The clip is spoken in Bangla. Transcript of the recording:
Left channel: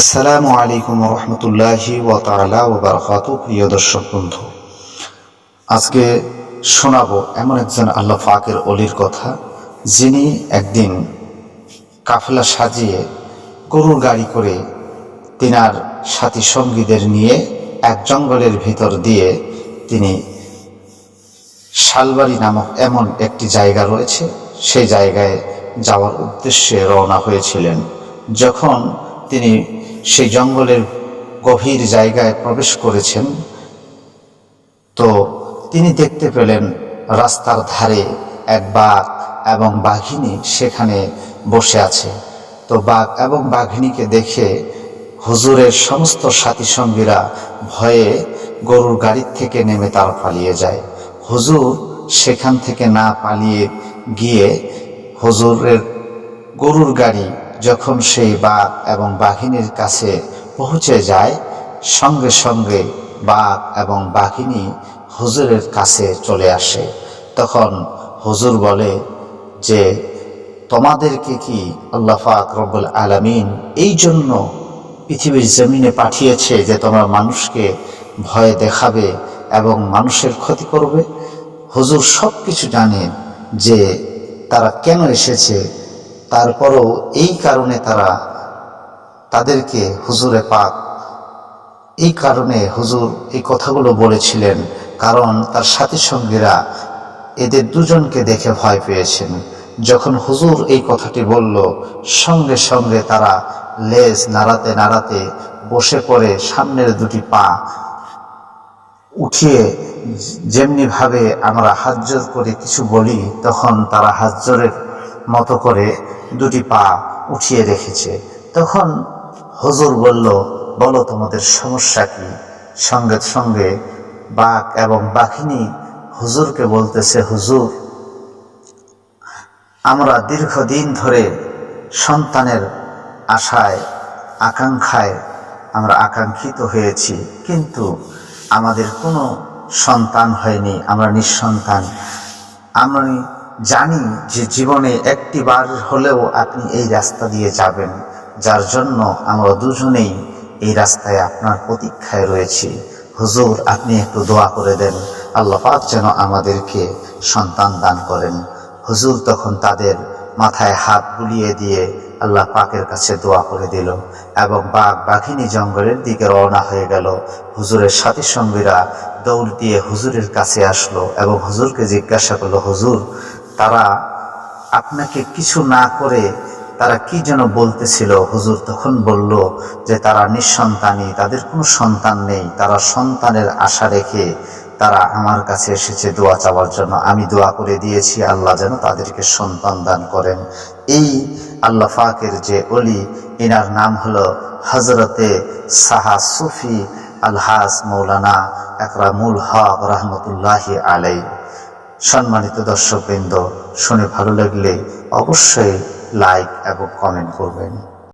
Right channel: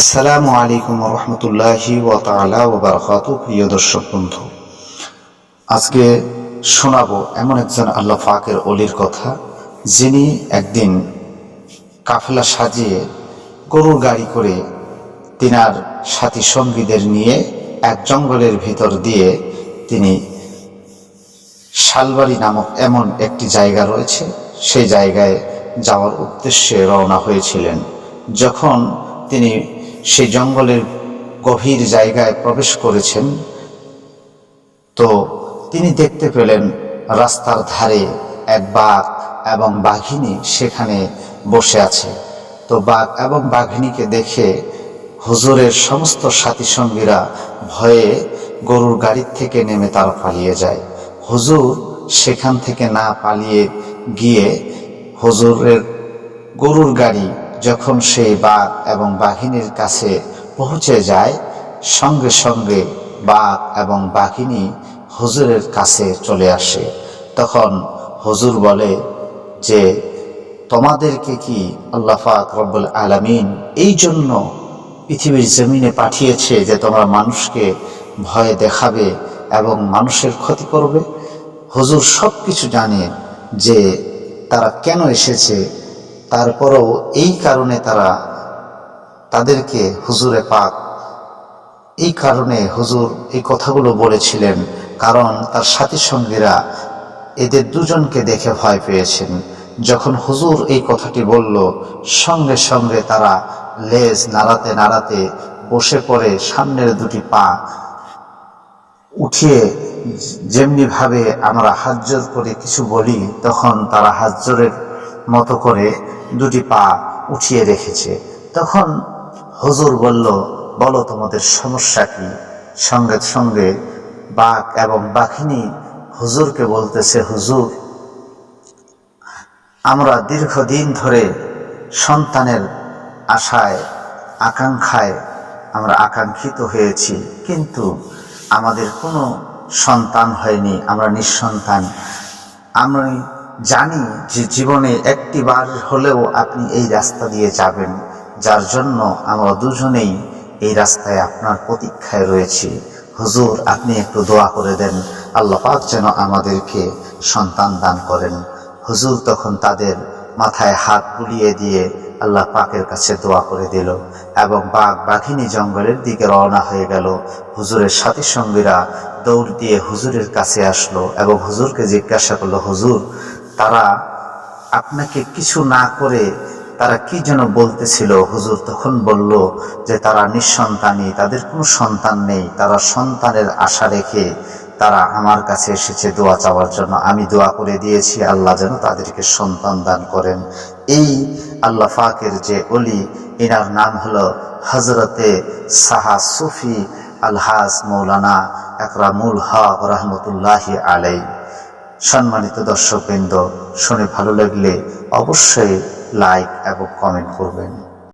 আসসালামু আলাইকুম রহমতুল্লাহি ও বারকাত প্রিয় দর্শক বন্ধু, আজকে শোনাবো এমন একজন আল্লাহ ফাকের অলির কথা, যিনি একদিন কাফেলা সাজিয়ে গরুর গাড়ি করে তিনার সাথী সঙ্গীদের নিয়ে এক জঙ্গলের ভিতর দিয়ে তিনি শালবাড়ি নামক এমন একটি জায়গা রয়েছে, সেই জায়গায় যাওয়ার উদ্দেশ্যে রওনা হয়েছিলেন। যখন তিনি সেই জঙ্গলের গভীর জায়গায় প্রবেশ করেছেন। তো তিনি দেখতে পেলেন রাস্তার ধারে এক বাঘ এবং বাঘিনী সেখানে বসে আছে। তো বাঘ এবং বাঘিনীকে দেখে হুজুরের সমস্ত সাথী সঙ্গীরা ভয়ে গরুর গাড়ির থেকে নেমে তারা পালিয়ে যায়। হুজুর সেখান থেকে না পালিয়ে গিয়ে হুজুরের গরুর গাড়ি যখন সেই বাঘ এবং বাঘিনীর কাছে পৌঁছে যায়, সঙ্গে সঙ্গে বাঘ এবং বাঘিনী হুজুরের কাছে চলে আসে। তখন হুজুর বলে যে, তোমাদেরকে কি আল্লাহ পাক রব্বুল আলামিন এই জন্য পৃথিবীর জমিনে পাঠিয়েছে যে তোমরা মানুষকে ভয় দেখাবে এবং মানুষের ক্ষতি করবে? হুজুর সব কিছু জানে যে তারা কেন এসেছে তারপরও এই কারণে তারা তাদেরকে হুজুরে পাক। এই কারণে হুজুর এই কথাগুলো বলেছিলেন, কারণ তার সাথী সঙ্গীরা এদের দুজনকে দেখে ভয় পেয়েছেন। যখন হুজুর এই কথাটি বলল, সঙ্গে সঙ্গে তারা লেজ নাড়াতে নাড়াতে বসে পড়ে সামনের দুটি পা উঠিয়ে যেমনিভাবে আমরা হাতজোর করে কিছু বলি, তখন তারা হাতজোরের মতো করে দুটি পা উঠিয়ে রেখেছে। তখন হুজুর বলল, বলো তোমাদের সমস্যা কি? সঙ্গে সঙ্গে বাঘ এবং বাঘিনী হুজুরকে বলতেছে, হুজুর, আমরা দীর্ঘদিন ধরে সন্তানের আশায়, আকাঙ্ক্ষায় আমরা আকাঙ্ক্ষিত হয়েছি, কিন্তু আমাদের কোনো সন্তান হয়নি, আমরা নিঃসন্তান। আমি জানি যে জীবনে একটি বার হলেও আপনি এই রাস্তা দিয়ে যাবেন, যার জন্য আমরা দুজনেই এই রাস্তায় আপনার প্রতীক্ষায় রয়েছি। হুজুর, আপনি একটু দোয়া করে দেন, আল্লাহ পাক যেন আমাদেরকে সন্তান দান করেন। হুজুর তখন তাদের মাথায় হাত বুলিয়ে দিয়ে আল্লাহ পাকের কাছে দোয়া করে দিল এবং বাঘ বাঘিনী জঙ্গলের দিকে রওনা হয়ে গেল। হুজুরের সাথী সঙ্গীরা দৌড় দিয়ে হুজুরের কাছে আসলো এবং হুজুরকে জিজ্ঞাসা করল, হুজুর তারা আপনাকে কিছু না করে তারা কি যেন বলতেছিল? হুজুর তখন বলল যে তারা নিঃসন্তানই, তাদের কোনো সন্তান নেই, তারা সন্তানের আশা রেখে তারা আমার কাছে এসেছে দোয়া চাওয়ার জন্য। আমি দোয়া করে দিয়েছি, আল্লাহ যেন তাদেরকে সন্তান দান করেন। এই আল্লাহ ফাকের যে অলি এনার নাম হলো হজরতে সাহা সুফি আলহাজ মৌলানা একরামুল হক রহমতুল্লাহি আলাই সম্মানিত দর্শকবৃন্দ শুনে ভালো লাগলে অবশ্যই লাইক এবং কমেন্ট করবেন।